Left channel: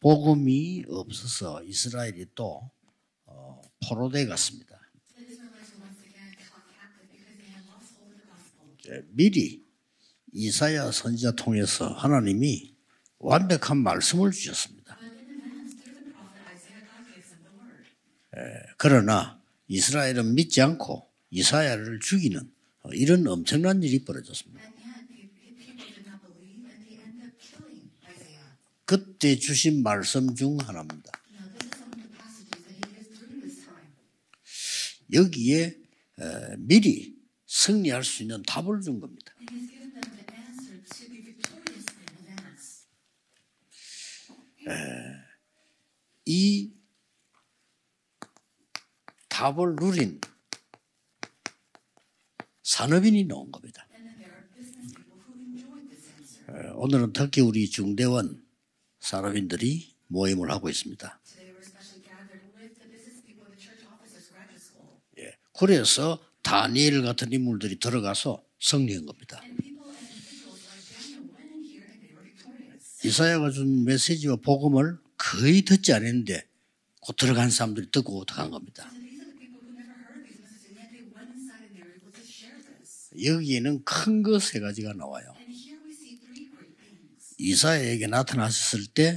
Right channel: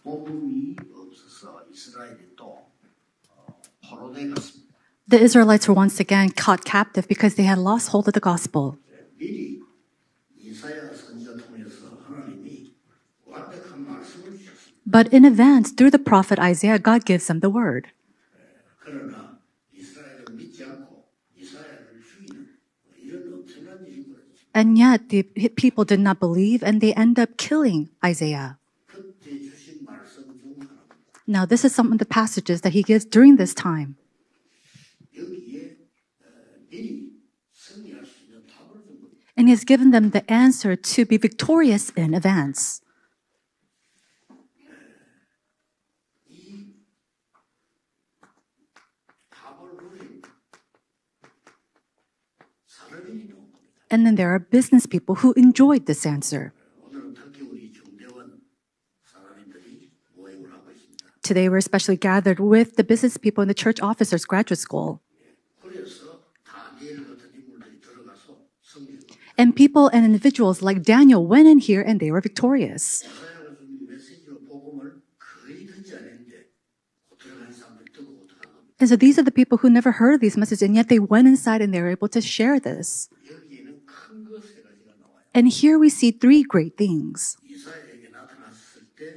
복음이 없어서 이스라엘이 또 포로돼 갔습니다. The Israelites were once again caught captive because they had lost hold of the gospel. 미리 이사야 선지자 통해서 하나님이 완벽한 말씀을 주셨습니다. But in advance, through the prophet Isaiah, God gives them the word. 그러나 이스라엘은 믿지 않고 이사야를 죽이는 이런 엄청난 일이 벌어졌습니다. And yet, the people did not believe and they end up killing Isaiah. 그때 주신 말씀 중 하나입니다. Now, this is some of the passages that he gives during this time. 여기에 미리 승리할 수 있는 답을 준 겁니다. And he has given them the answer to be victorious in advance. 이 답을 누린 산업인이 나온 겁니다. And then there are business people who enjoyed this answer. 오늘은 특히 우리 중대원 산업인들이 모임을 하고 있습니다. Today, we're especially gathered with the business people in the church officers graduate school. 그래서 다니엘 같은 인물들이 들어가서 승리한 겁니다. And people and individuals like Daniel went in here and they were victorious. 이사야가 준 메시지와 복음을 거의 듣지 않았는데 곧 들어간 사람들이 듣고 들어간 겁니다. And so these are the people who never heard these messages and yet they went inside and they were able to share this. 여기에는 큰 거 세 가지가 나와요. And here we see three great things. 이사야에게 나타나셨을 때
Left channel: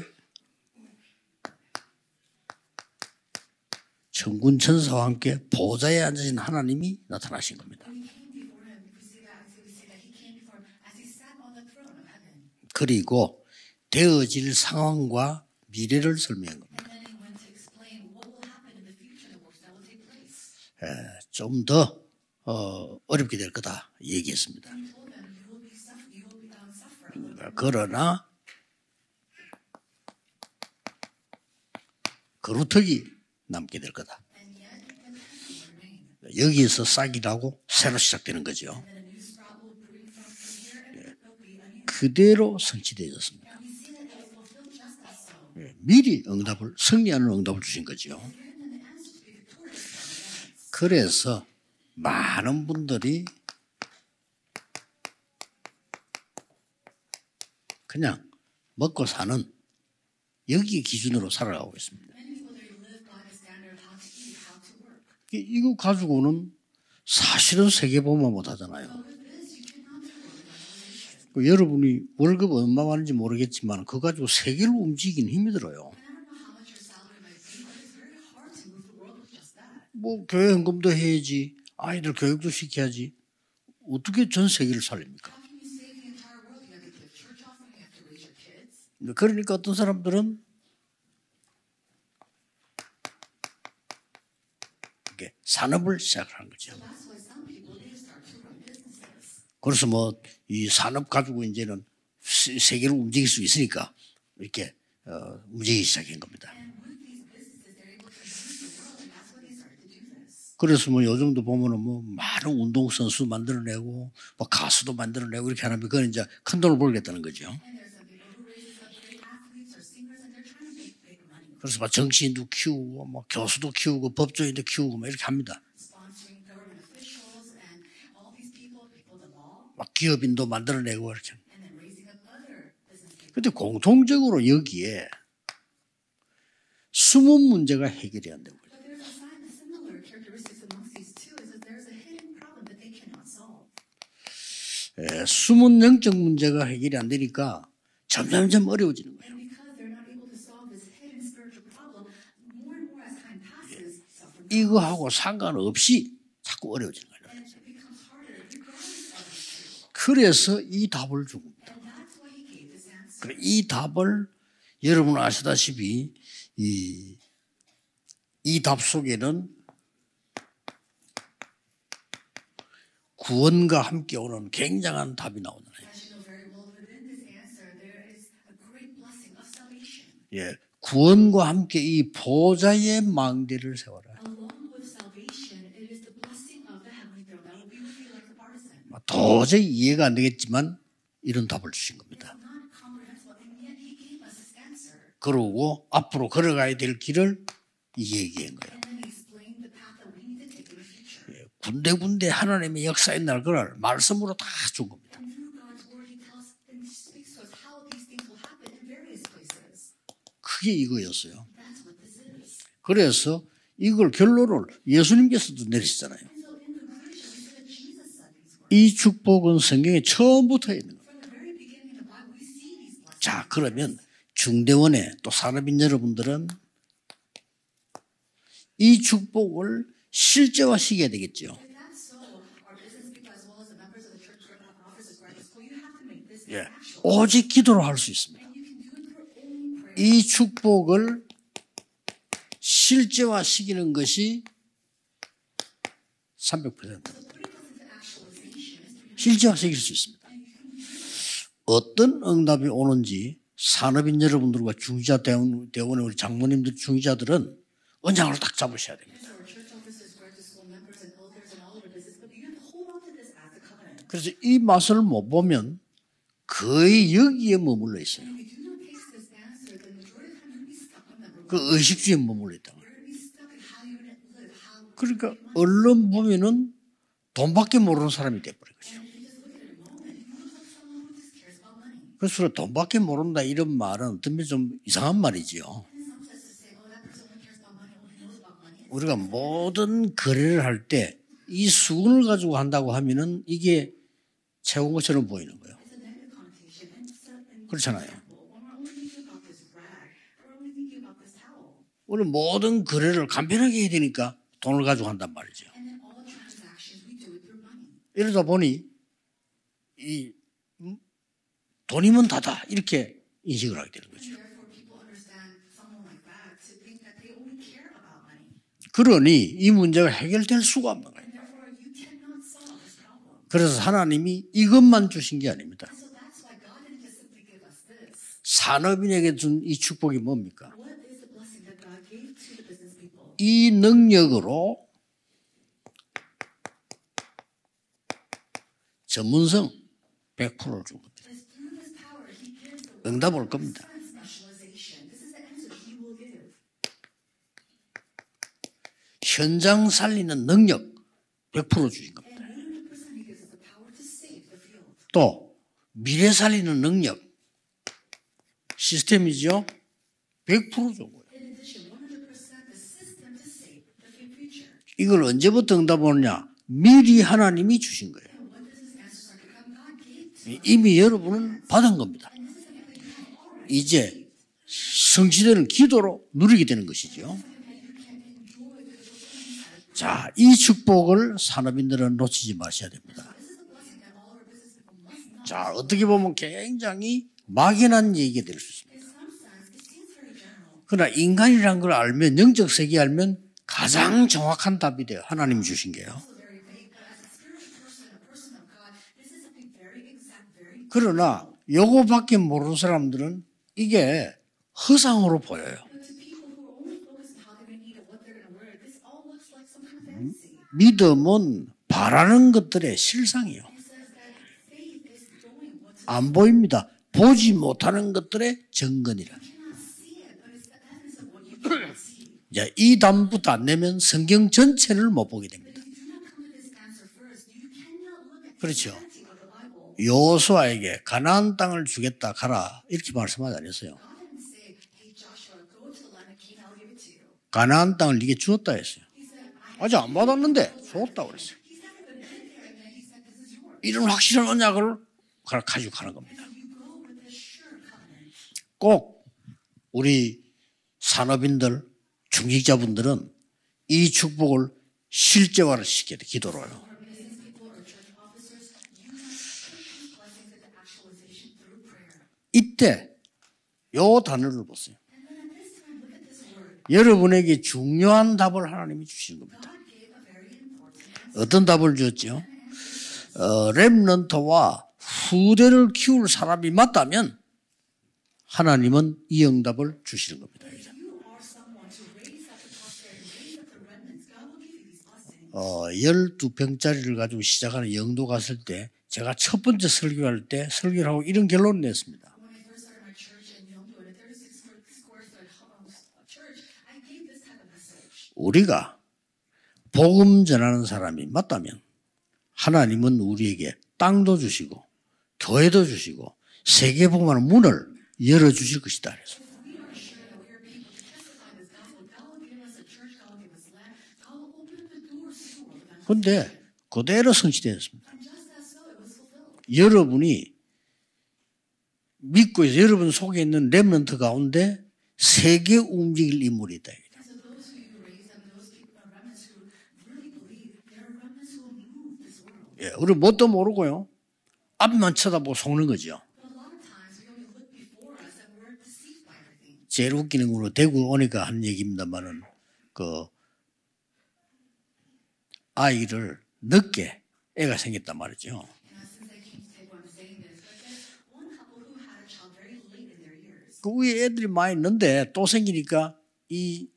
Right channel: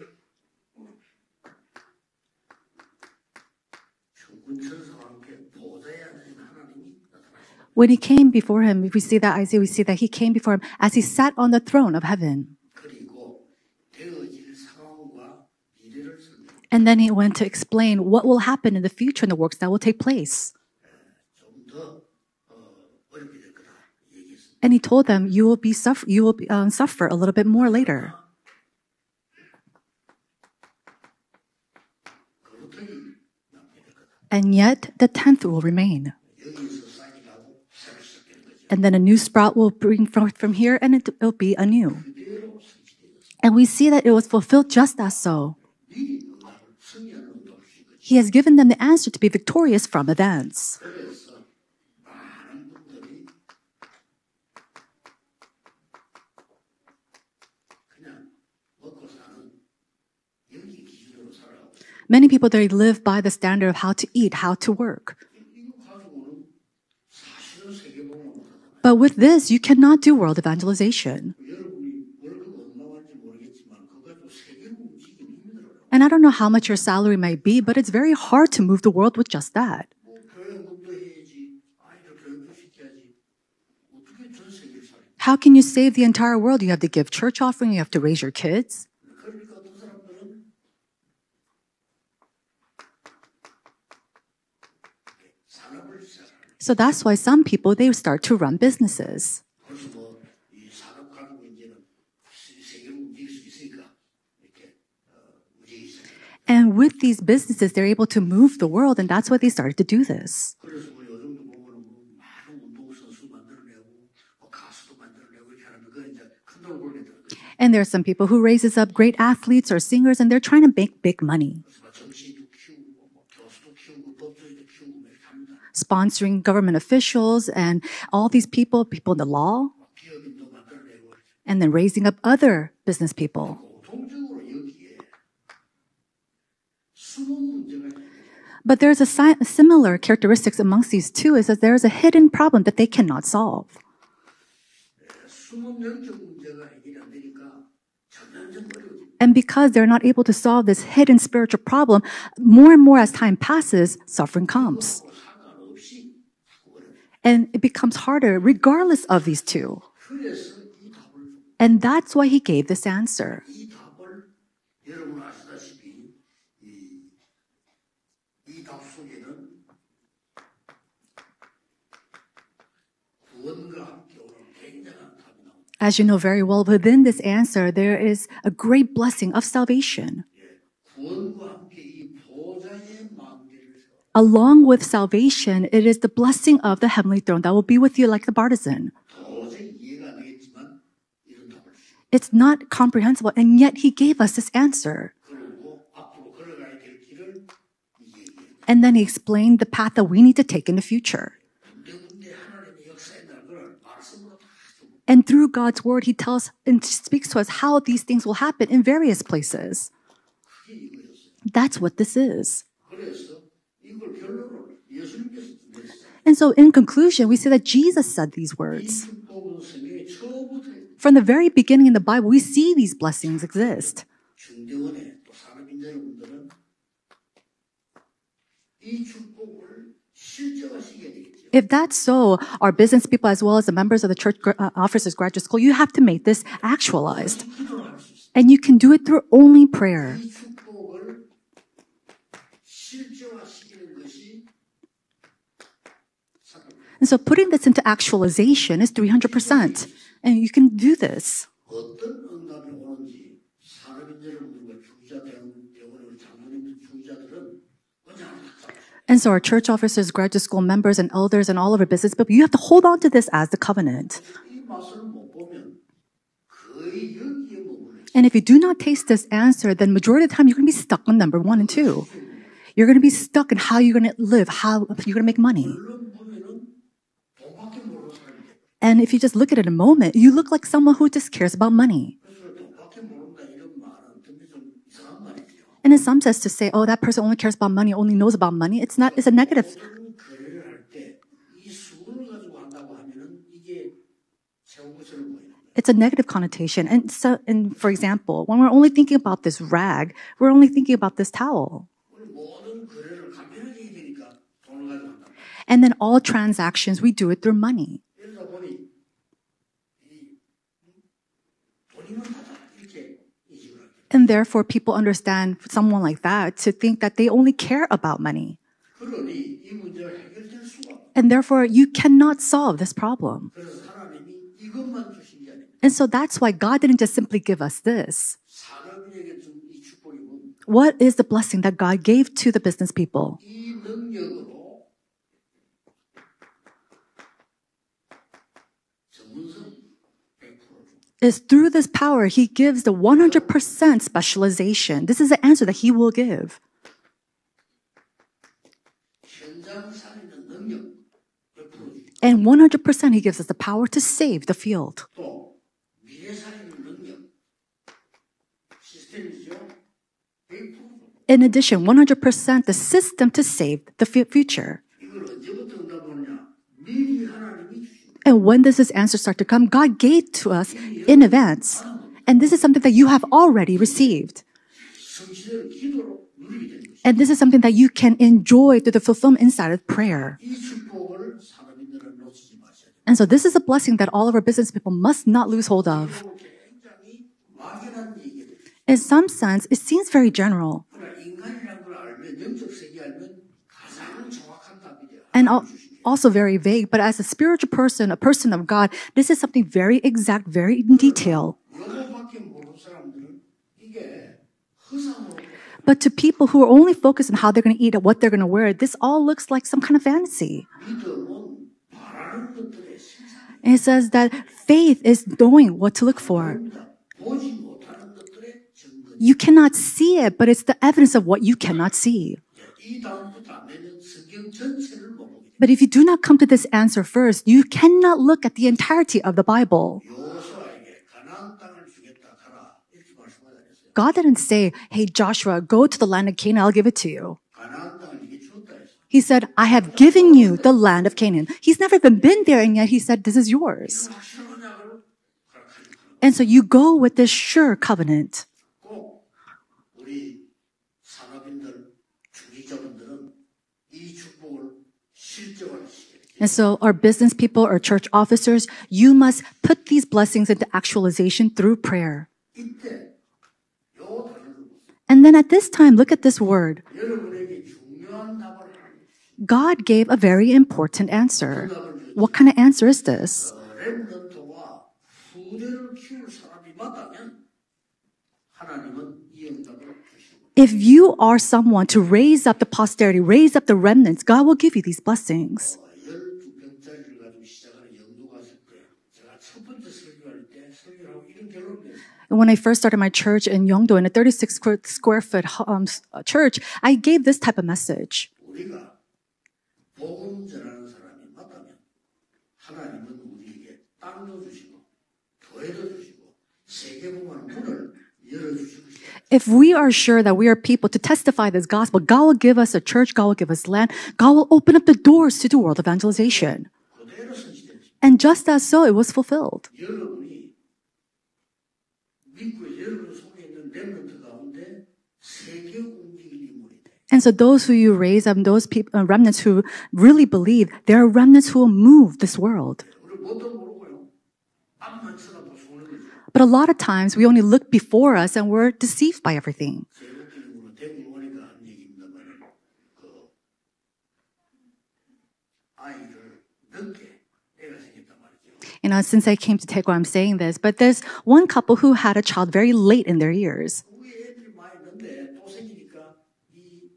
천군 천사와 함께 보좌에 앉으신 하나님이 나타나신 겁니다. When he came before him, if we see that Isaiah, we see that he came before him as he sat on the throne of heaven. 그리고 되어질 상황과 미래를 설명한 겁니다. And then he went to explain what will happen in the future and the works that will take place. 좀 더 어렵게 될 거다 얘기했습니다. And he told them, you will suffer a little bit more later. 그러나 그루터기 남게 될 거다. And yet the 10th will remain. 여기에서 싹이 나고 새로 시작되는 거죠. And then a new sprout will bring forth from here and it will be anew. 그대로 성취되었습니다. And we see that it was fulfilled just as so. 미리 승리하는 응답을 주신 거죠. He has given them the answer to be victorious from advance. 그래서 많은 분들이 그냥 먹고 사는 여기 기준으로 살아가고 있습니다. Many people they live by the standard of how to eat, how to work. 이거 가지고는 사실은 세계보험만 못하잖아요. But with this, you cannot do world evangelization. 여러분이 월급 얼마 받는지 모르겠지만 그거 가지고 세계를 움직이긴 힘들어요. And I don't know how much your salary might be, but it's very hard to move the world with just that. 뭐 교회 헌금도 해야지, 아이들 교육도 시켜야지. 어떻게 전 세계를 살립니까? How can you save the entire world? You have to give church offering, you have to raise your kids. 그러니까 어떤 사람들은 산업을 시작하는 거죠. So that's why some people they start to run businesses. 그래서 뭐 이 산업 가지고 이제는 세계를 움직일 수 있으니까 이렇게 움직이기 시작한 겁니다. And with these businesses, they're able to move the world, and that's why they started to do this. 그래서 뭐 요즘도 보면은 뭐 많은 운동 선수 만들어내고 뭐 가수도 만들어내고 이렇게 하면 그건 이제 큰 돈을 벌겠다는 거죠. And there are some people who raises up great athletes or singers, and they're trying to make big money, 그래서 막 정치인도 키우고 뭐 교수도 키우고 법조인도 키우고 뭐 이렇게 합니다. sponsoring government officials and all these people in the law, 막 기업인도 만들어내고 이렇게. and then raising up other business people. 근데 공통적으로 여기에 숨은 문제가 해결이 안 돼요. But there's a similar characteristics amongst these two is that there is a hidden problem that they cannot solve. 숨은 영적 문제가 해결이 안 되니까 점점 어려워지는 거예요. And because they're not able to solve this hidden spiritual problem, more and more as time passes, suffering comes. 이거하고 상관없이 자꾸 어려워지는 거예요. And it becomes harder regardless of these two. 그래서 이 답을 준 거예요. And that's why he gave this answer. 이 답을 여러분 아시다시피 이 답 속에는 구원과 함께 오는 굉장한 답이 나오는 거예요. As you know very well, within this answer, there is a great blessing of salvation. 예, 구원과 함께 이 보좌의 망대를 세워라. Along with salvation, it is the blessing of the heavenly throne that will be with you like the partisan. 도저히 이해가 안 되겠지만 이런 답을 주신 겁니다. It's not comprehensible, and yet he gave us this answer. 그러고 앞으로 걸어가야 될 길을 얘기한 거예요. And then he explained the path that we need to take in the future. 군데군데 하나님의 역사의 날 그날 말씀으로 다 준 겁니다. And through God's word, he tells and speaks to us how these things will happen in various places. 그게 이거였어요. That's what this is. 그래서 이걸 결론을 예수님께서도 내리시잖아요. And so in conclusion, we see that Jesus said these 이 words. 축복은 성경에 처음부터 있는 거예요. From the very beginning in the Bible, we see these blessings 자, 그러면 exist. 중대원의 또 산업인 여러분들은 이 축복을 실제화시켜야 되겠죠. If that's so, our business people as well as the members of the church officers graduate school, you have to make this actualized. 오직 기도로 할 수 있습니다. And you can do it through only prayer. 이 축복을 실제화시키는 것이 300%. And so putting this into actualization is 300%. And you can do this. 어떤 응답이 오는지 산업인 여러분들과 중지자 대원의 우리 장모님들 중지자들은 언장으로 딱 잡으셔야 돼요. And so our church officers, graduate school members, and elders, and all of our business people, you have to hold on to this as the covenant. 그래서 이 맛을 못 보면 거의 여기에 머물러 있어요. And if you do not taste this answer, then majority of the time you're going to be stuck on number 1 and 2. 의식주에 머물러 있다. You're going to be stuck in how you're going to live, how you're going to make money. 얼른 보면은 돈밖에 모르는 사람이 돼버려요. And if you just look at it in a moment, you look like someone who just cares about money. 그래서 돈밖에 모른다 이런 말은 듣면 좀 이상한 말이지요. And in some sense, to say, "Oh, that person only cares about money, only knows about money," it's not. It's a 우리가 negative. 모든 거래를 할 때 이 수건을 가지고 한다고 하면은 이게 채운 것처럼 보이는 거예요. It's a negative connotation. And so, and for 그렇잖아요. example, when we're only thinking about this rag, we're only thinking about this towel. 우리 모든 거래를 간편하게 해야 되니까 돈을 가지고 한단 말이죠. And then all transactions, we do it through money. 이러다 보니 이 돈이면 다다 이렇게 인식을 하게 되는 거예요. And therefore, people understand someone like that to think that they only care about money. 그러니 이 문제가 해결될 수가 없는 거예요. And therefore, you cannot solve this problem. 그래서 하나님이 이것만 주신 게 아닙니다. And so that's why God didn't just simply give us this. 산업인에게 준 이 축복이 뭡니까? What is the blessing that God gave to the business people? 이 능력으로 전문성 100%를 준 거예요. Is through this power, He gives the 100% specialization. This is the answer that He will give. 현장 살리는 능력 100% 주신 거예요. And 100% He gives us the power to save the field. 또 미래 살리는 능력 시스템이죠. 100% 준 거예요. In addition, 100% the system to save the future. 이걸 언제부터 응답 오느냐? 미리 하나님이 주신 거예요. And when does this answer start to come? God gave to us 이미 in 여러분 advance. 받은 겁니다. And this is something that you have already 이제 received. 성취되는 기도로 누리게 되는 것이죠. And this is something that you can enjoy through the fulfillment inside of prayer. 자, 이 축복을 산업인들은 놓치지 마셔야 됩니다. And so this is a blessing that all of our business people must not lose hold 어떻게 of. 보면 굉장히 막연한 얘기가 될 수 있습니다. In some sense, it seems very general. 그러나 인간이라는 걸 알면 영적 세계 알면 가장 정확한 답이 돼요. And 하나님이 주신 게. also very vague. But as a spiritual person, a person of God, this is something very exact, very in 그러나 detail. 요거밖에 모르는 사람들은 이게 허상으로 보여요. But to people who are only focused on how they're going to eat and what they're going to wear, this all looks like some kind of fantasy. 믿음은 바라는 것들의 실상이에요. And it says that faith is knowing what to look 안 for. 보입니다. 보지 못하는 것들의 증거니요. You cannot see it, but it's the evidence of what you cannot see. 자, 이 답부터 안 내면 성경 전체를 못 보게 됩니다. But if you do not come to this answer first, you cannot look at the entirety of the Bible. 여호수아에게 가나안 땅을 주겠다 가라 이렇게 말씀하지 않았어요. God didn't say, "Hey Joshua, go to the land of Canaan, I'll give it to you." 가나안 땅을 네게 주었다 했어요. He said, "I have 맞아, given you 받았는데 the land of 없다고 Canaan." 했어요. He's never even been there, and yet he said, "This is yours." 이런 확실한 언약을 가지고 가는 겁니다. And so you go with this sure covenant. 꼭 우리 산업인들, 중직자분들은 이 축복을 실제화를 시켜야 돼. And 기도로. so our business people, our church officers, you must put these blessings into actualization through prayer. 이때 요 단어를 보세요. And then at this time, look at this word. 여러분에게 중요한 답을 하나님이 주신 거예요. God gave a very important answer. 어떤 답을 줬죠? What kind of answer is this? 렘넌트와 후대를 키울 사람이 맞다면 하나님은 이 응답을 주시는 겁니다. If you are someone to raise up the posterity, raise up the remnants, God will give you these blessings. 12평짜리를 가지고 시작하는 영도 갔을 때 제가 첫 번째 설교할 때 설교를 하고 이런 결론을 냈습니다. When I first started my church in Yeongdo, in a 36 square foot church, I gave this type of message. 우리가 복음 전하는 사람이 맞다면 하나님은 우리에게 땅도 주시고 교회도 주시고 세계 복음하는 문을 열어주실 것이다. If we are sure that we are people to testify this gospel, God will give us a church, God will give us land, God will open up the doors to do world 그런데 evangelization. 그대로 성취되었습니다. And just as so, it was fulfilled. 여러분이 믿고 여러분 속에 있는 렘넌트 가운데 세계 움직일 인물이 있다. And so those who you raise up, those people, remnants who really believe, there are remnants who will move this world. 우리 뭣도 모르고요. 앞만 쳐다보고 속는 거죠. But a lot of times we only look before us and we're deceived by everything. 제일 웃기는 거는 대구 오니까 한 얘기입니다만은 그 아이를 늦게 애가 생겼단 말이죠. Since I came to Daegu, I'm saying this, but there's one couple who had a child very late in their years. 그 위에 애들이 많이 있는데 또 생기니까 이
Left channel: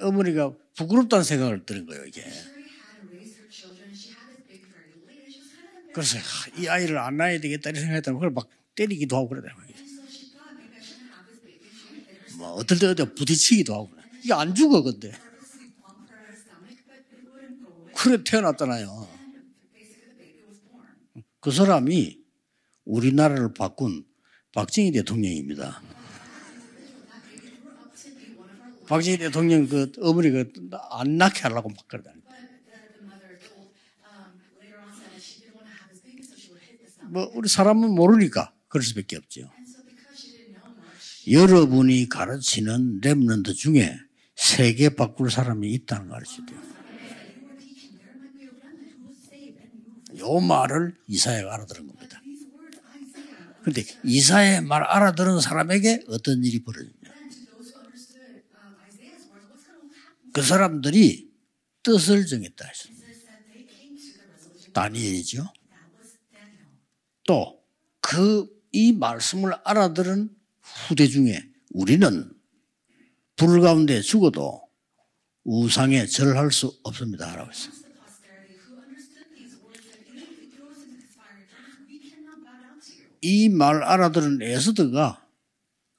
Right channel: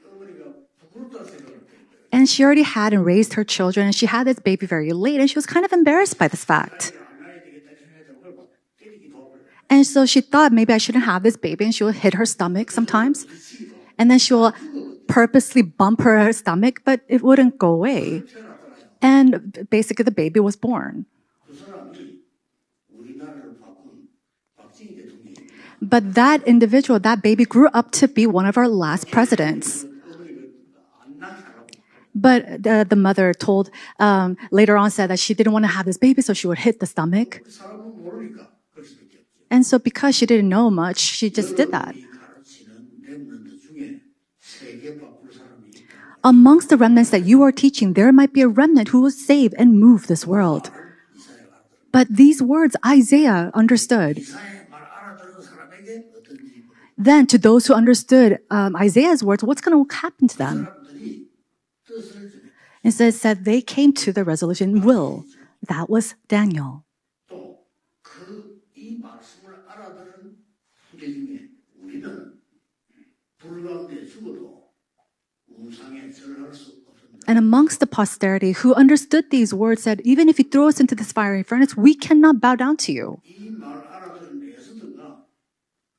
어머니가 부끄럽다는 생각을 드는 거예요. And she already had and raised her children, and she had this baby very late, and she was kind of embarrassed by this 이 fact. 아이를 안 낳아야 되겠다 이렇게 생각했다면 그걸 막 때리기도 하고 그러더라고요. And so she thought maybe I shouldn't have this baby, and she would hit her stomach 어떤 데는 sometimes. 부딪히기도 하고. And then she will 안 죽어 근데. purposely bump her stomach, but it wouldn't go away. 그래 태어났잖아요. And basically the baby was born. 그 사람이 우리나라를 바꾼 박정희 대통령입니다. But that individual, that baby grew up to be one of our last 박정희 대통령 presidents. 그 어머니가 안 낳게 하려고 막 그러다. But the mother told, later on said that she didn't want to have this baby, so she would hit the stomach. 우리 사람은 모르니까 그럴 수밖에 없죠. And so because she didn't know much, she just did that. 여러분이 가르치는 렘넌트 중에 세계 바꿀 사람이 있다는 말이죠. Amongst the remnants that you are teaching, there might be a remnant who will save and move this 그 world. 말을 이사야가 알아들은 거예요. But these words Isaiah understood. 이사야의 말 알아들은 사람에게 어떤 일이 벌어요? Then to those who understood Isaiah's words, what's going to happen to 그 them? 사람들이 뜻을 정했다 했어요. It says that they came to the resolution will. 다니엘이죠. That was Daniel. 또 이 말씀을 알아들은 후대 중에 우리는 불 가운데 죽어도 우상에 절할 수 없습니다. And amongst the posterity who understood these words said, even if you throw us into this fiery furnace, we cannot bow down to you. 이 말 알아들은 에스더가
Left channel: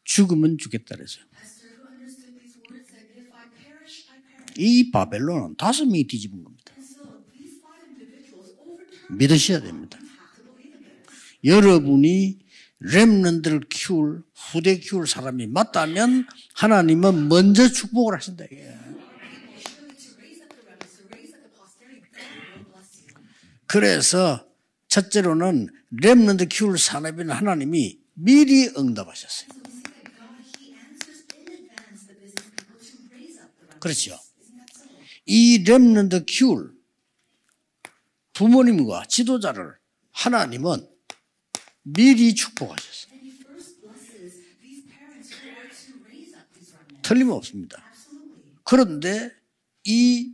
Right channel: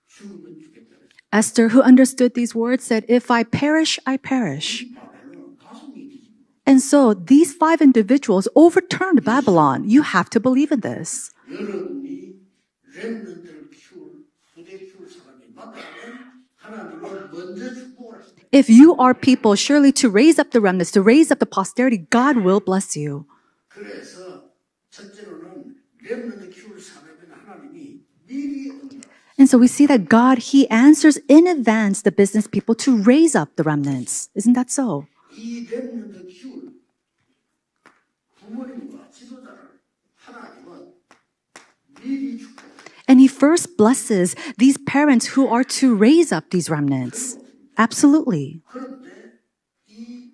죽으면 죽겠다 그랬어요. Esther, who understood these words, said, if I perish, I perish. 이 바벨론은 5명이 뒤집은 겁니다. And so these 5 individuals overturned 믿으셔야 Babylon. You have to believe in this. 여러분이 렘넌트를 키울 후대 키울 사람이 맞다면 하나님은 먼저 축복을 하신다. If you are people surely to raise up the remnants, to raise up the posterity, God will bless you. 그래서 첫째로는 렘넌트 키울 산업에는 하나님이 미리 응답하셨어요. And so we see that God, He answers in advance the business people to raise up the remnants. Isn't that so? 이 렘넌트 키울 부모님과 지도자를 하나님은 미리 축복하셨어요. And He first blesses these parents who are to raise up these remnants. 틀림없습니다. Absolutely. 그런데 이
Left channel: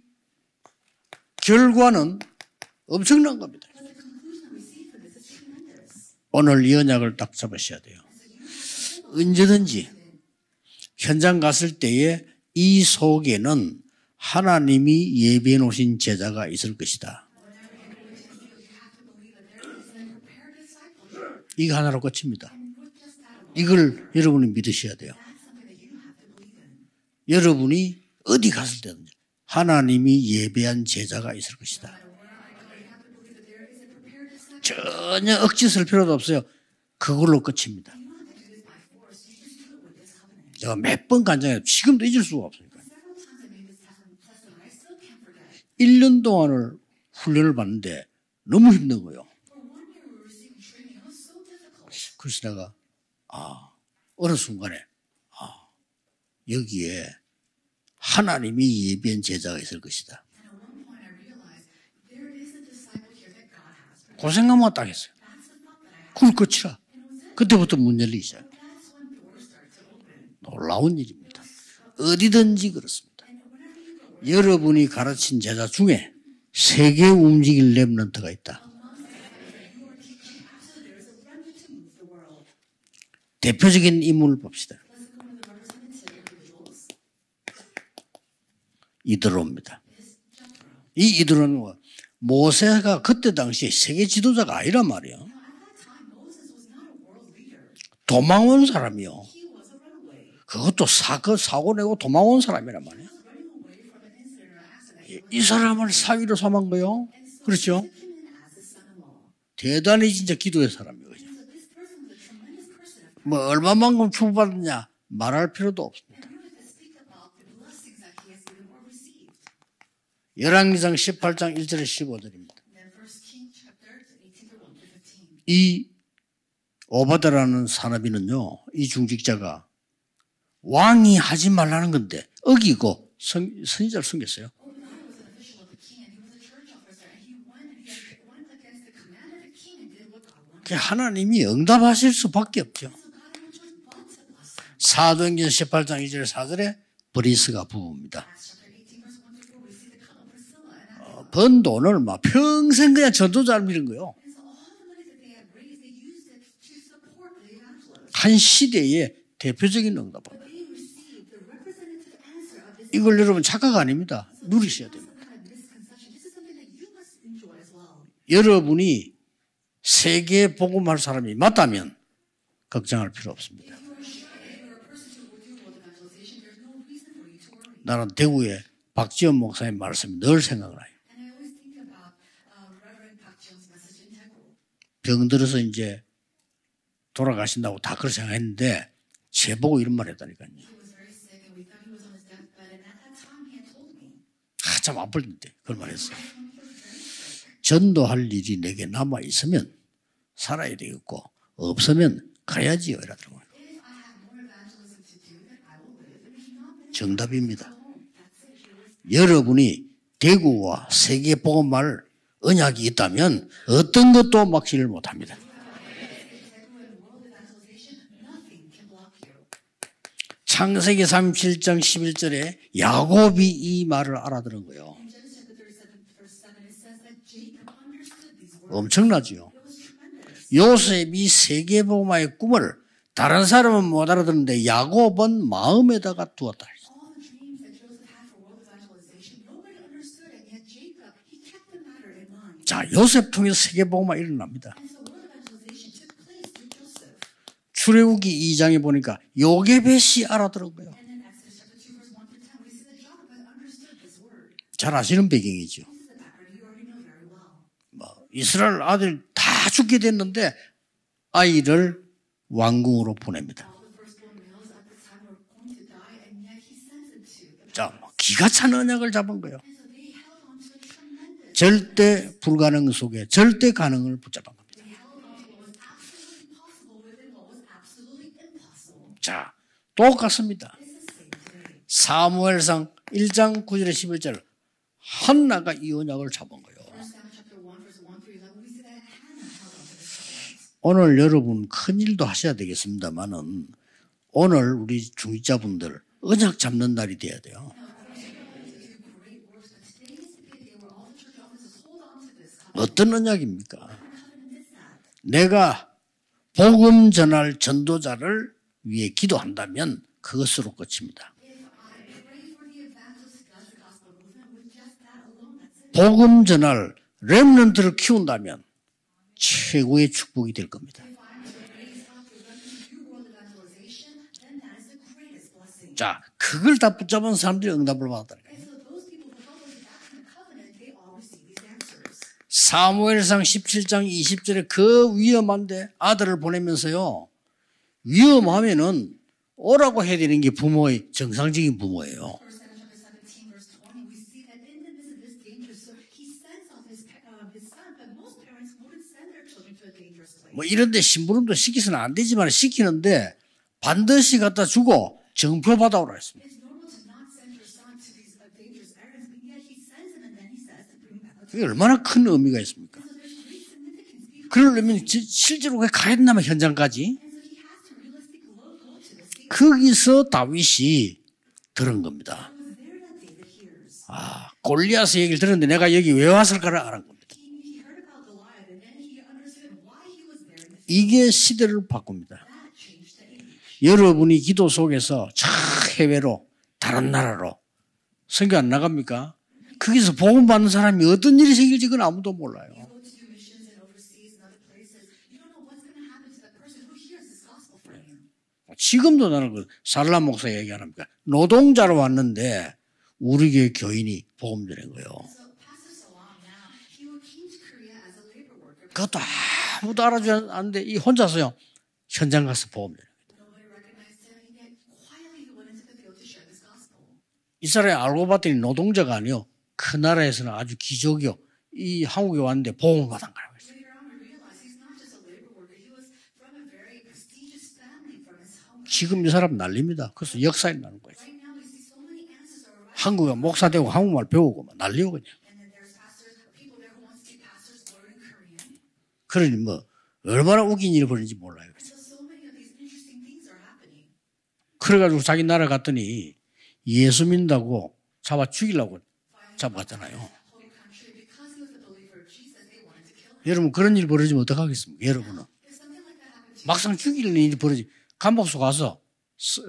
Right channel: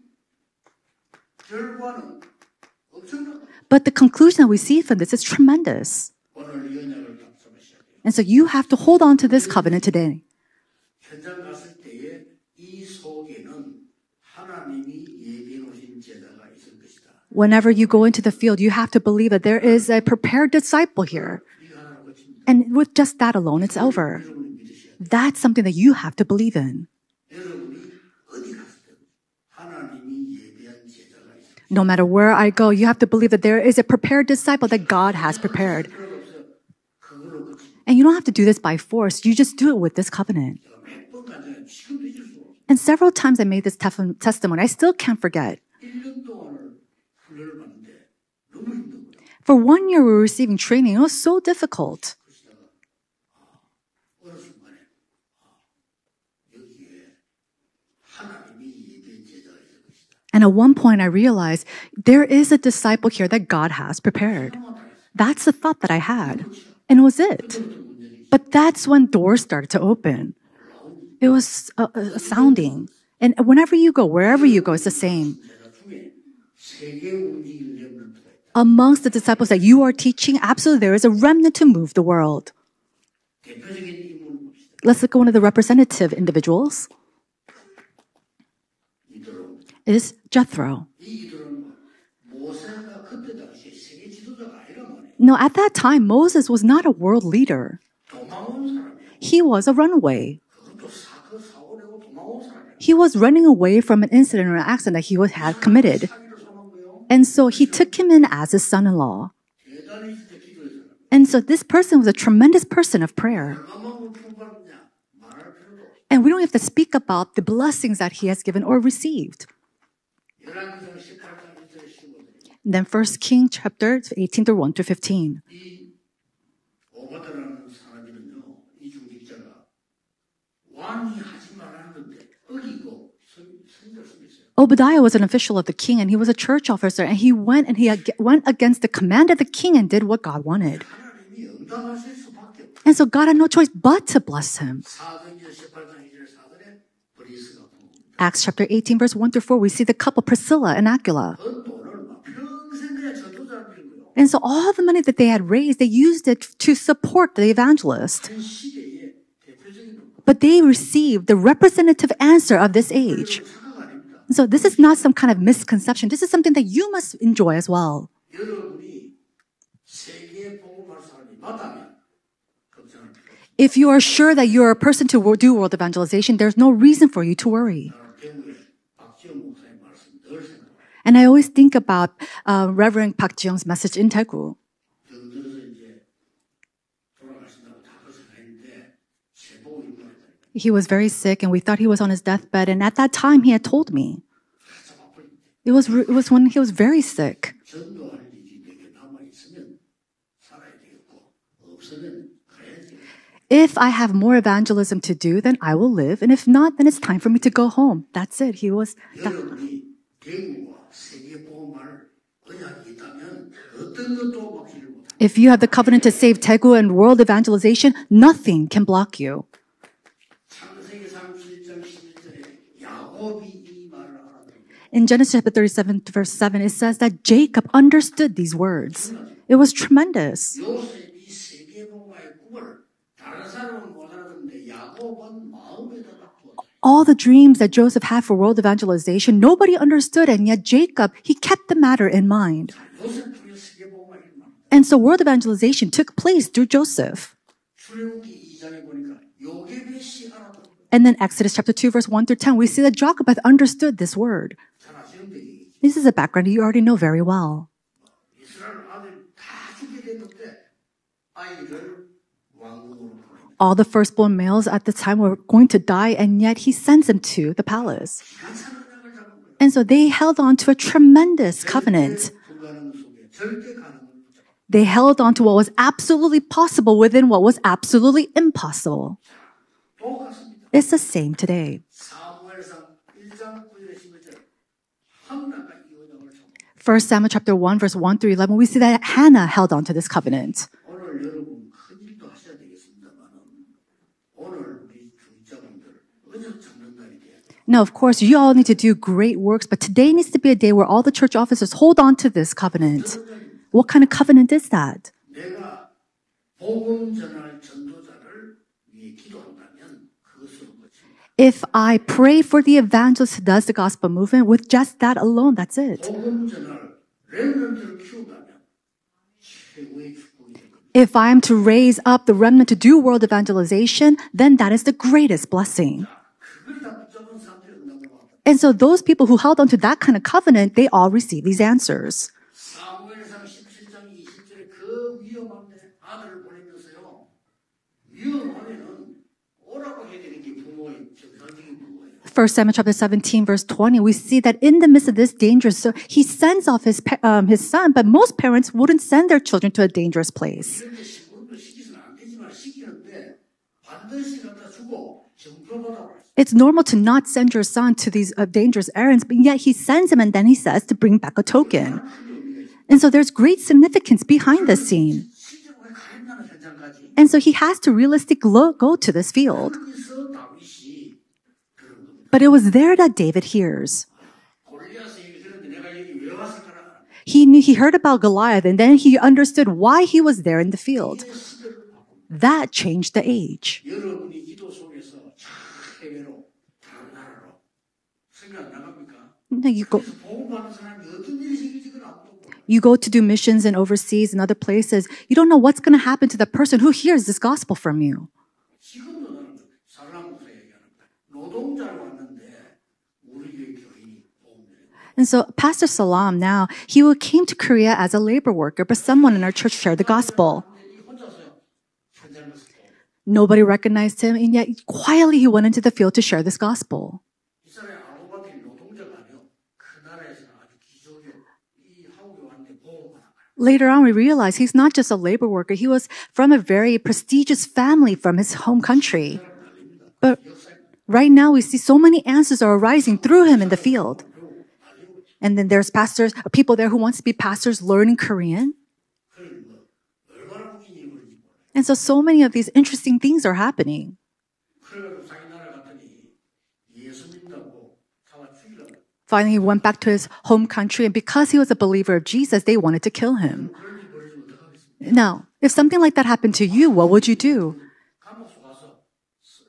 결과는 엄청난 겁니다. But the conclusion that we see from this is tremendous. 오늘 이 언약을 딱 잡으셔야 돼요. And so you have to hold on to this 언제든지 covenant today. 현장 갔을 때에 이 속에는 하나님이 예비해 놓으신 제자가 있을 것이다. Whenever you go into the field, you have to believe that there is a prepared disciple here. 이거 하나로 끝입니다. And with just that alone, it's 이걸 over. 여러분이 믿으셔야 돼요. That's something that you have to believe in. 여러분이 어디 갔을 때든지 하나님이 예배한 제자가 있을 것이다. No matter where I go, you have to believe that there is a prepared disciple that God has 전혀 억지 쓸 prepared. 필요도 없어요. 그걸로 끝입니다. And you don't have to do this by force. You just do it with this covenant. 제가 몇 번 간증해요. 지금도 잊을 수가 없어요. And several times I made this testimony. I still can't forget. 1년 동안을 훈련을 받는데 너무 힘든 거예요. For 1 year, we were receiving training. It was so difficult. 그래서 내가 어느 순간에 여기에 하나님이 예비한 제자가 있을 것이다. And at one point, I realized there is a disciple here that God has 그 prepared. 생각만 딱 했어요. That's the thought that I 그럼 had. 끝이라. And it was it. 그때부터 문 열리기 시작. But that's when doors started to open. 놀라운 일입니다. It was 어디든지 astounding. 그렇습니다. And whenever you go, wherever you go, 여러분이 it's the 가르친 same. 제자 중에 세계 움직일 렘넌트가 있다. Amongst the disciples that you are teaching, absolutely there is a remnant to move the world. 대표적인 인물을 봅시다. Let's look at one of the representative individuals. 이드로입니다. Is Jethro. 이 이드로는 모세가 그때 당시에 세계 지도자가 아니란 말이에요. No, at that time, Moses was not a world leader. 도망온 사람이요. He was a runaway. 그것도 사고 내고 도망온 사람이란 말이에요. He was running away from an incident or an accident that he 이 had 사람을 committed. 사위로 삼은 거요. And so he 그렇죠? took him in as his son-in-law. 대단히 진짜 기도의 사람이에요. And so this person was a tremendous person of 뭐 prayer. 얼마만큼 축복받느냐 말할 필요도 없어. And we don't have to speak about the blessings that he has given or received. 열왕기상 18장 1절에 15절입니다. And then 1 King chapter 18 through 1 through 15. 이 오바다라는 사나비는요, 이 중직자가 왕이 하지 말라는 건데 어기고 선지자를 숨겼어요. Obadiah was an official of the king, and he was a church officer, and he went went against the command of the king and did what God wanted. 하나님이 응답하실 수밖에 없죠. And so God had no choice but to bless him. 사도행전 18장 2절 4절에 브리스가 부부입니다. Acts chapter 18 verse 1 through 4, we see the couple Priscilla and Aquila. 번 돈을 막 평생 그냥 전도자를 밀은 거예요. And so all the money that they had raised, they used it to support the evangelists. 한 시대의 대표적인 응답. But they received the representative answer of this 이걸 여러분 age. 착각 아닙니다. So this is not some kind of misconception. This is something that you must enjoy as well. 여러분이 세계 복음할 사람이 맞다면 걱정할 필요 없습니다. If you are sure that you are a person to do world evangelization, there's no reason for you to worry. 나는 대구에 박지원 목사님 말씀이 늘 생각나요. And I always think about Reverend Park Ji-young's message in Daegu. 병들어서 이제 돌아가신다고 다 그렇게 생각했는데 제보고 이런 말 했다니까요. He was very sick, and we thought he was on his deathbed. And at that time, he had told me 참 아플 때. it was when he was very sick. 전도할 일이 내게 남아 있으면 살아야 되겠고 없으면 가야지요. If I have more evangelism to do, then I will live, and if not, then it's time for me to go home. That's it. He was. 여러분이 대구와 세계 복음할 언약이 있다면 어떤 것도 막지를 못합니다. If you have the covenant to save Daegu and world evangelization, nothing can block you. 창세기 37장 11절에 야곱이 이 말을 알아들은 거예요. In Genesis chapter 37, verse 7, it says that Jacob understood these words. 엄청나죠. It was tremendous. 요셉이 세계 복음화의 꿈을 다른 사람은 못 알아듣는데 야곱은 마음에다가 두었다. All the dreams that Joseph had for world evangelization, nobody understood, and yet Jacob, he kept the matter in mind. 자, 요셉 통해서 세계 복음화 일어납니다. And so world evangelization took place through Joseph. 출애굽기 2장에 보니까 요게벳이 알아들은 거예요. And then Exodus chapter 2, verse 1 through 10, we see that Jacob had understood this word. 잘 아시는 배경이죠. This is a background you already know very well. 이스라엘 아들 다 죽게 됐는데 아이를 왕궁으로 보냅니다. All the firstborn males at the time were going to die, and yet he sends them to the palace. 기가 찬 언약을 잡은 거예요. And so they held on to a tremendous 절대 covenant. 불가능 속에 절대 가능을 붙잡은 거예요. They held on to what was absolutely possible within what was absolutely impossible. 자, 똑같습니다. It's the same today. 사무엘상 1장 9절에 11절 한나가 이 언약을 잡은 거예요. 1 Samuel chapter 1 verse 1 through 11, we see that Hannah held on to this covenant. 오늘 여러분 큰 일도 하셔야 되겠습니다만은 오늘 우리 중직자분들 언약 잡는 날이 돼야 돼요. Now, of course, you all need to do great works, but today needs to be a day where all the church officers hold on to this covenant. 어떤 언약입니까? What kind of covenant is that? 내가 복음 전할 전도자를 위해 기도한다면 그것으로 끝입니다. If I pray for the evangelist who does the gospel movement, with just that alone, that's it. 복음 전할 렘넌트를 키운다면 최고의 축복이 될 겁니다. If I am to raise up the remnant to do world evangelization, then that is the greatest blessing. 자, 그걸 다 붙잡은 사람들이 응답을 받았다. And so those people who held on to that kind of covenant, they all receive these answers. 사무엘상 17장 20절에 그 위험한데 아들을 보내면서요. 위험하면은 오라고 해야 되는 게 부모의 정상적인 부모예요. 1 Samuel chapter 17 verse 20, we see that in the midst of this danger, so he sends off his son, but most parents wouldn't send their children to a dangerous place. 뭐 이런데 심부름도 시키서는 안 되지만 시키는데 반드시 갖다 주고 정표 받아오라 했어요. It's normal to not send your son to these dangerous errands, but yet he sends him and then he says to bring back a token. 얼마나 큰 의미가 있습니까? And so there's great significance behind the 그러면 scene. 실제로 왜 가야 된다면 현장까지? And so he has to realistically go to this field. 거기서 다윗이 들은 겁니다. But it was there that David hears. 골리앗의 얘기를 들었는데 내가 여기 왜 왔을까를 알아. He heard about Goliath, and then he understood why he was there in the field. 이게 시대를 바꿉니다. That changed the age. 여러분이 기도 속에서 저 해외로 다른 나라로 선교 안 나갑니까? 거기서 복음 받는 사람이 어떤 일이 생길지 그건 아무도 몰라요. You go to do missions and overseas and other places. You don't know what's going to happen to that person who hears this gospel from you. 지금도 나는 그 살람 목사 얘기 안 합니까? 노동자로 왔는데 우리 교회 교인이 복음 전한 거예요. And so Pastor Salam now, came to Korea as a labor worker, but someone in our church shared the gospel. 안데 이 혼자서요 현장 가서 복음. Nobody recognized him, and yet quietly he went into the field to share this gospel. 이 사람이 알고 봤더니 노동자가 아니요. 그 나라에서는 아주 기적이요. 이 한국에 왔는데 복음을 받은 거예요. Later on, we realized he's not just a labor worker. He was from a very prestigious family from his home 지금 이 country. 사람 난립니다. 그래서 역사에 나는 거예요. Right now, we see so many answers are arising 한국에 through him in 목사 the 되고 field. 한국말 배우고 난리고 그냥. And then there's people there who wants to be pastors learning Korean. 그러니 뭐 얼마나 웃긴 일이 벌어진지 몰라요. And so many of these interesting things are happening. 그래가지고 자기 나라 갔더니 예수 믿는다고 잡아 죽이려고. Finally, he went back to his home country, and because he was a believer of Jesus, they wanted to kill him. 여러분 그런 일 벌어지면 어떡하겠습니까? Now, if something like that happened to you, what would you do? 감옥소 가서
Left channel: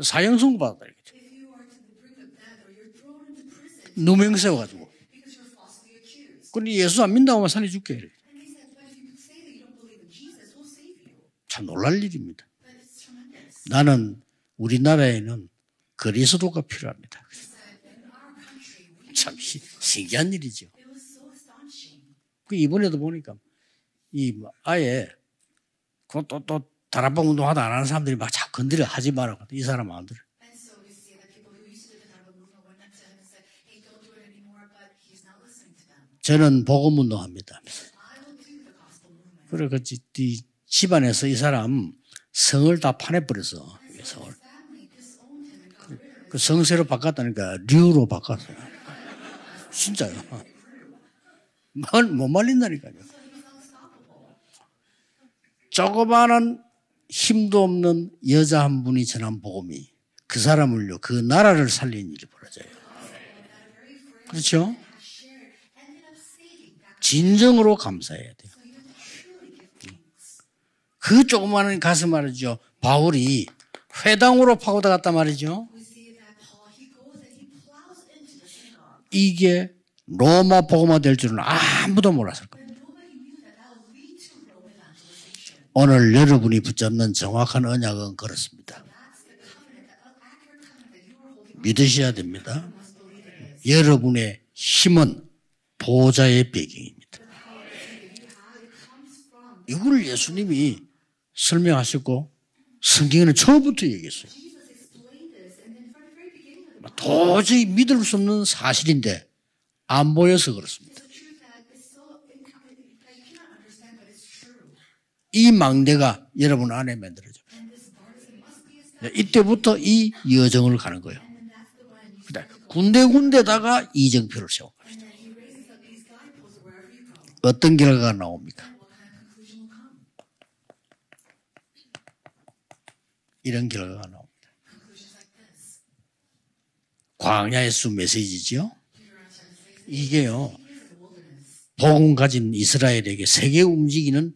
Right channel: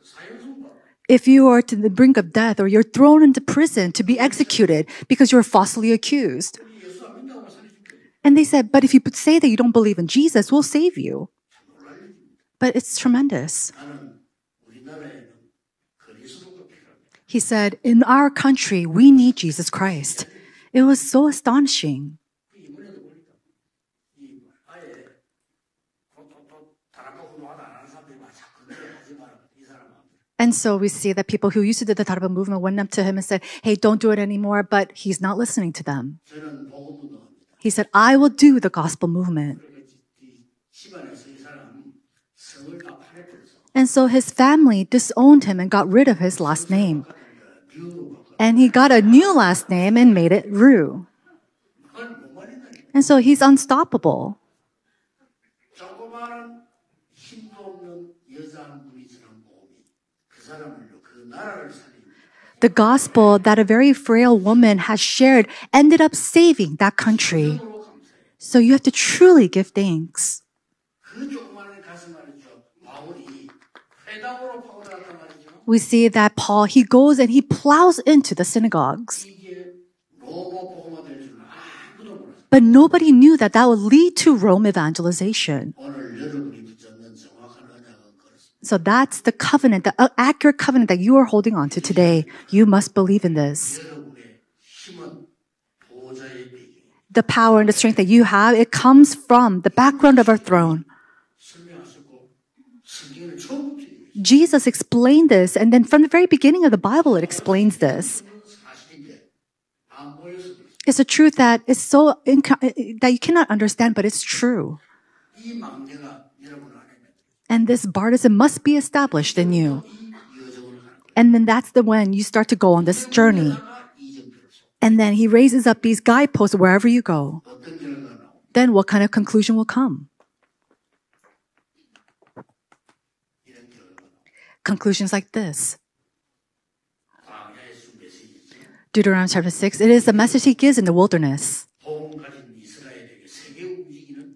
사형선고 받아. If you are to the brink of death or you're thrown into prison to be 누명세워. executed because you're falsely accused. 근데 예수 안 믿는다고 하면 살려줄게. And they said, but if you say that you don't believe in Jesus, we'll save you. 참 놀랄 일입니다. But it's tremendous. 나는 우리나라에는 그리스도가 필요합니다. He said, in our country, we need Jesus Christ. 신기한 일이죠. It was so astonishing. 그 이번에도 보니까 이 아예 또 다락방 운동하다 안 하는 사람들이 막 자꾸 건드려 하지 마라. 이 사람 안 들어. And so we see that people who used to do the Taraba movement went up to him and said, hey, don't do it anymore, but he's not listening to them. 저는 복음 운동합니다. He said, I will do the gospel movement. 그래 그 집안에서 이 사람 성을 다 파내버려서 And so his family disowned him and got rid of his last 성세로 name. 바꿨다니까 류로 바꿨어. And he got a new last name and made it Ru. 못 말린다니까. And so he's unstoppable. 조그마한 힘도 없는 여자 한 분이 전한 복음이 그 사람을요 그 나라를 살린 일이 벌어져요. The gospel that a very frail 그렇죠? woman has shared ended up saving that country. 진정으로 감사해야 돼. So you have to truly give thanks. 그 조그마한 가서 말이죠. 바울이 회당으로 파고들었단 말이죠. We see that Paul, he goes and he plows into the synagogues. 이게 로마 복음화 될 줄은 아무도 몰랐어요. But nobody knew that that would lead to Rome evangelization. 오늘 여러분이 붙잡는 정확한 언약은 그렇습니다. So that's the covenant, the accurate covenant that you are holding on to 믿으셔야 today. 됩니다. You must believe in this. 여러분의 힘은 보좌의 배경입니다. The power and the strength that you have, it comes from the background of our throne. 설명하셨고 성경에는 처음부터 얘기했어요. Jesus explained this, and then from the very beginning of the Bible, it 도저히 explains 믿을 this. 수 없는 사실인데 안 보여서 그렇습니다. It's a truth that is that you cannot understand, but it's true. 이 망대가 여러분 안에 만들어져. And this bartizan must be established in 이때부터 you. 이 여정을 가는 거예요. And then that's when you start to go on this journey. 군데군데다가 이정표를 세워. And then he raises up these guideposts wherever you go. 어떤 결과가 나옵니까? Then what kind of conclusion will come? 이런 결과가 나옵니다. Conclusions like this. 광야의 수 메시지죠. Deuteronomy chapter 6, it is the message he gives in the wilderness. 복음 가진 이스라엘에게 세계 움직이는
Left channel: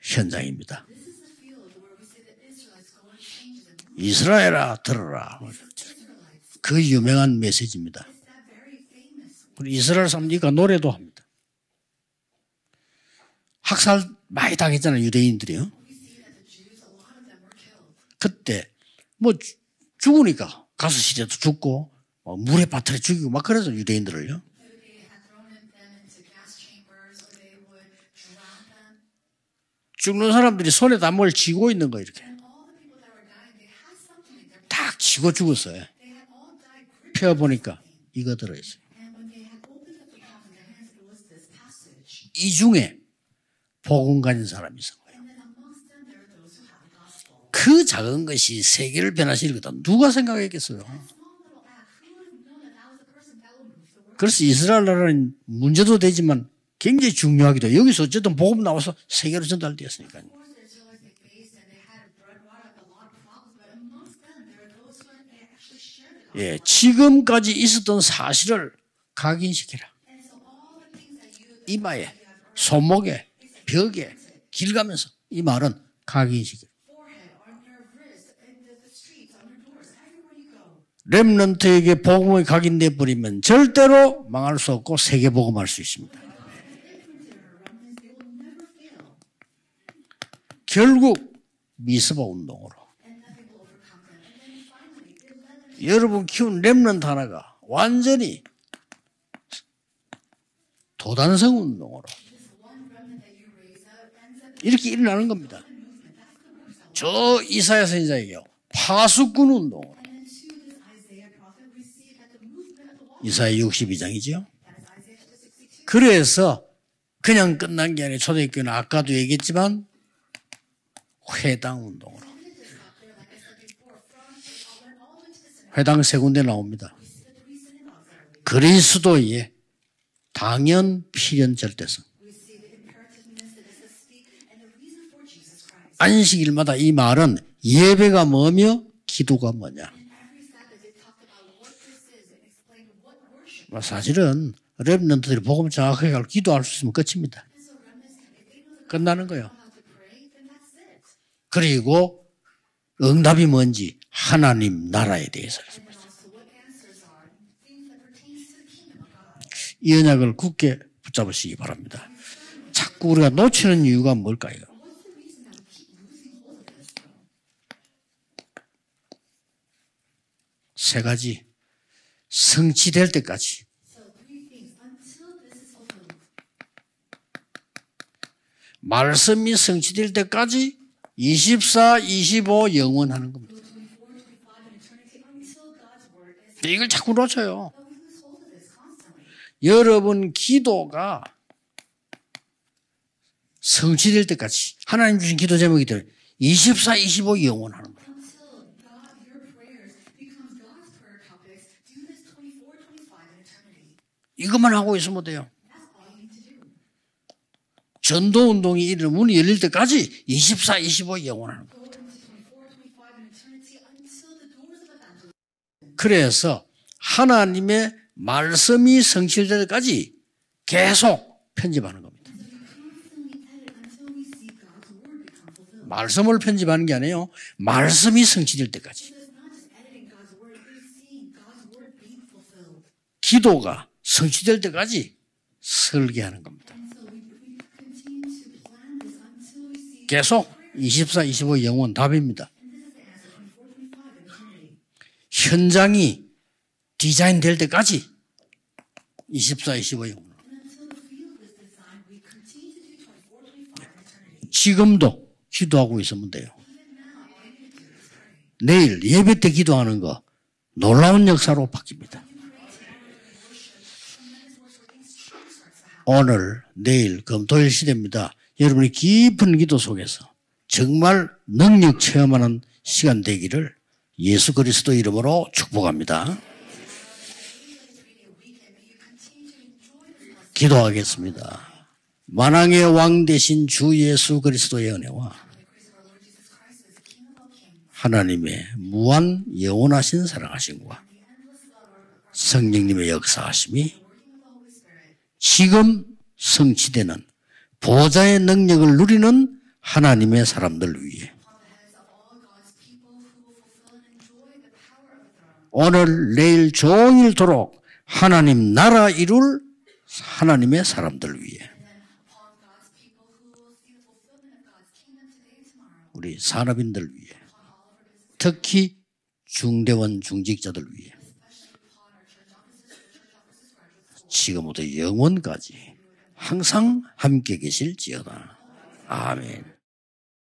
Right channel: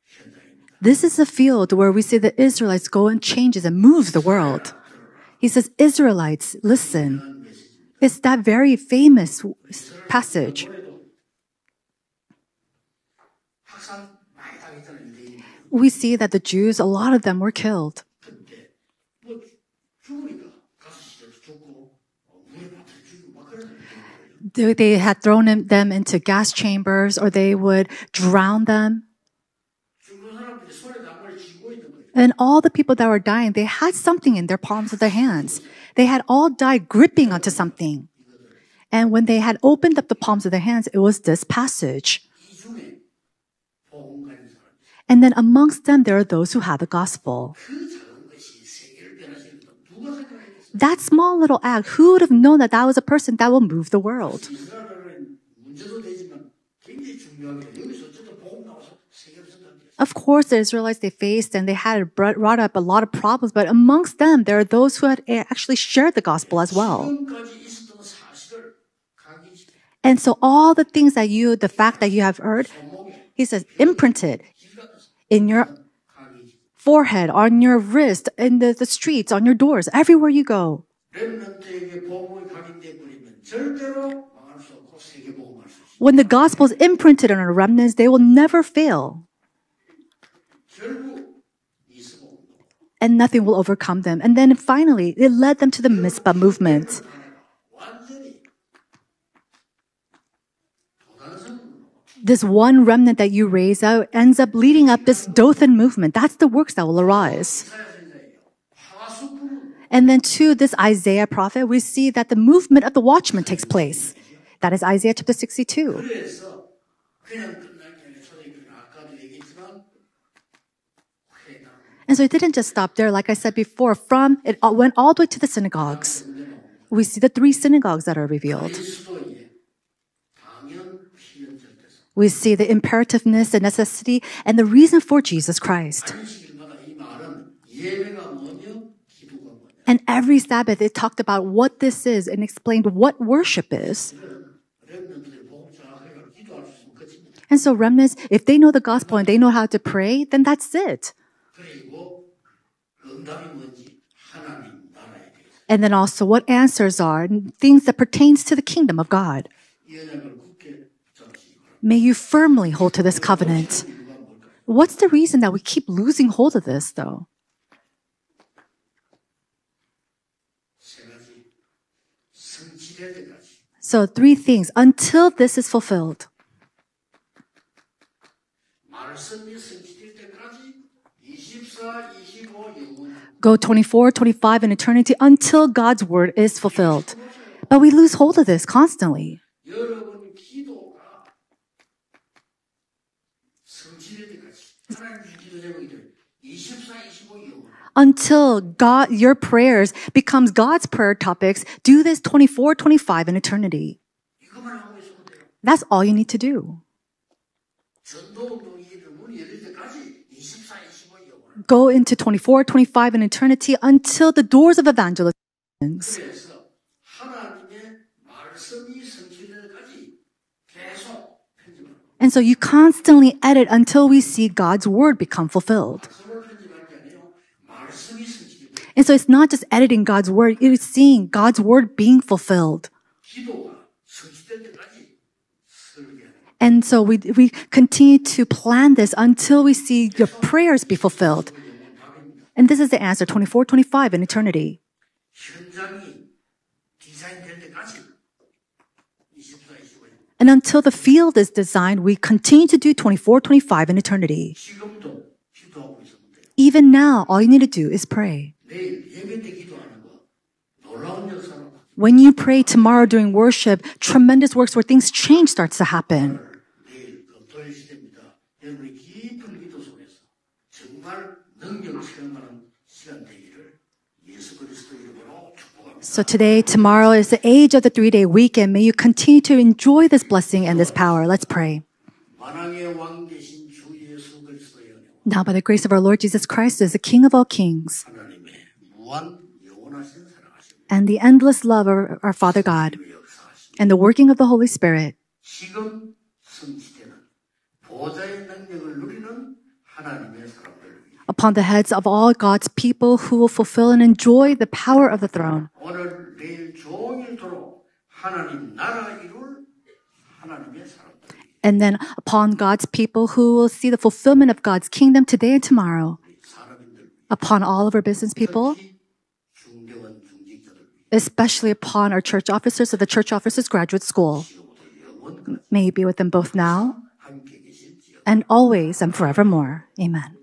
현장입니다. This is a field where we see the Israelites go and changes and moves the world. 이스라엘아 들어라. He says, Israelites, 그 listen. 유명한 메시지입니다. It's that very famous 이스라엘 삼지가 passage. 노래도 합니다. 학살 많이 당했잖아요 유대인들이요. We see that the Jews, a lot of them were killed. 그때 뭐 죽으니까 가스 시대도 죽고 물에 빠뜨려 죽이고 막 그래서 유대인들을요. They had thrown them into gas chambers or they would drown them. 죽는 사람들이 손에다 뭘 쥐고 있는 거예요. And all the people that were dying, they had something in their palms of their 쥐고 hands. 죽었어요. They had all died gripping onto 펴보니까 something. 이거 들어있어요. And when they had opened up the palms of their hands, it was this passage. 이 중에 복음 가진 사람이 있어요. And then amongst them, there are those who have the gospel. 그 작은 것이 세계를 변화시킬 거다. 누가 생각했겠어요? That small little act, who would have known that that was a person that will move the world? 그래서 이스라엘 나라는 문제도 되지만 굉장히 중요하기도 해요. 여기서 어쨌든 복음 나와서 세계로 전달되었어요. Of course, the Israelites, they faced and they had brought up a lot of problems, but amongst them, there are those who had actually shared the gospel as well. 지금까지 있었던 사실을 각인시키라. And so all the things that the fact that you have heard, 손목에, he says, 벽에, imprinted 길 가면서 이 in your 말은 각인시키라. forehead, on your wrist, in the streets, on your doors, everywhere you go. 렘넌트에게 복음이 각인돼 버리면 절대로 망할 수 없고 세계 복음할 수 있습니다. When the gospel is imprinted on our remnants, they will never fail. 결국 미스바 운동으로. And nothing will overcome them. And then finally, it led them to the 여러분 Mizpah 지금 movement. 렘넌트 하나가 완전히 도단성 운동으로 This one remnant that you raise out ends up leading up this 일어나는 겁니다. Dothan movement. That's the works that will 저 arise. 이사야 선지자에게요. 파수꾼 운동. And then to this Isaiah prophet, we see that the movement of the watchman 이사야 takes place. 62장이죠. That is Isaiah chapter 62. 그래서 그냥 끝난 게 아니라 초대교회는 아까도 얘기했지만 회당 운동. And so it didn't just stop there. Like I said before, from it went all the way to the 회당 synagogues. 세 군데 나옵니다. We see the 3 synagogues that are revealed. 그리스도의 당연 필연 절대성. We see the imperativeness, the necessity, and the reason for Jesus Christ. 안식일마다 이 말은 예배가 뭐며 기도가 뭐냐. And every Sabbath it talked about what this is and explained what worship is. 사실은 렘넌트들이 복음 정확하게 알고 기도할 수 있으면 끝입니다. And so remnants, if they know the gospel 끝나는 and they 거예요. know how to pray, then that's it. 그리고 응답이 뭔지 하나님 나라에 대해서 And then also what answers are, things that pertains to the kingdom of God. 이 언약을 굳게 붙잡으시기 바랍니다. May you firmly hold to this 우리가 covenant. 놓치는 이유가 뭘까요? What's the reason that we keep losing hold of this though? 세 가지. 성취될 때까지. So 3 things. Until this is fulfilled. 말씀이 성취될 때까지 24, 25 영원하는 겁니다. Go 24, 25 in eternity until God's word is 이걸 fulfilled. 자꾸 놓쳐요. But we lose hold of this constantly. 여러분 기도가 성취될 때까지 하나님 주신 기도 제목이들 24, 25 영원하는 겁니다. Until God, your prayers becomes God's prayer topics, do this 24, 25 in eternity. 이것만 하고 있으면 돼요. That's all you need to do. 전도운동이 이르는 문이 열릴 때까지 24, 25 영원하는 겁니다. Go into 24, 25 in eternity until the doors of evangelism. 그래서 하나님의 말씀이 성취될 때까지 계속 편집하는 겁니다. And so you constantly edit until we see God's word become fulfilled. 말씀을 편집하는 게 아니에요. 말씀이 성취될 때까지. And so it's not just editing God's word, it is seeing God's word being fulfilled. 기도가 성취될 때까지 설계하는 겁니다. And so we continue to plan this until we see your 계속 prayers be 24, fulfilled. 25 영원 답입니다. And this is the answer, 24, 25 in eternity. 현장이 디자인될 때까지 24, 25 영원. And until the field is designed, we continue to do 24, 25 in eternity. 지금도 기도하고 있으면 돼요. Even now, all you need to do is pray. 내일 예배 때 기도하는 거 놀라운 역사로 바뀝니다. When you pray tomorrow during worship, tremendous works where things change starts to happen. 오늘, 내일, 금토일 시대입니다. 여러분이 깊은 기도 속에서 정말 능력 체험하는 시간 되기를 예수 그리스도 이름으로 축복합니다. So today, tomorrow is the age of the 3-day weekend. May you continue to enjoy this blessing and this power. Let's pray. 만왕의 왕 되신 주 예수 그리스도의 은혜와 Now, by the grace of our Lord Jesus Christ, who is the King of all kings, 하나님의 무한 영원하신 사랑하심과 and the endless love of our Father God, 성령님의 역사하심이 and the working of the Holy Spirit, 지금 성취되는 보좌의 능력을 누리는 하나님의 사람들 위해 upon the heads of all God's people who will fulfill and enjoy the power of the throne. 오늘 내일 종일토록 하나님 나라 이룰 하나님의 사람들 위해 And then upon God's people who will see the fulfillment of God's kingdom today and tomorrow. 우리 산업인들 위해 Upon all of our business people, 특히 중대원 중직자들 위해 especially upon our church officers of the Church Officers Graduate School. 지금부터 영원까지 May He be with them both now 항상 함께 계실지어다. and always and forevermore. Amen.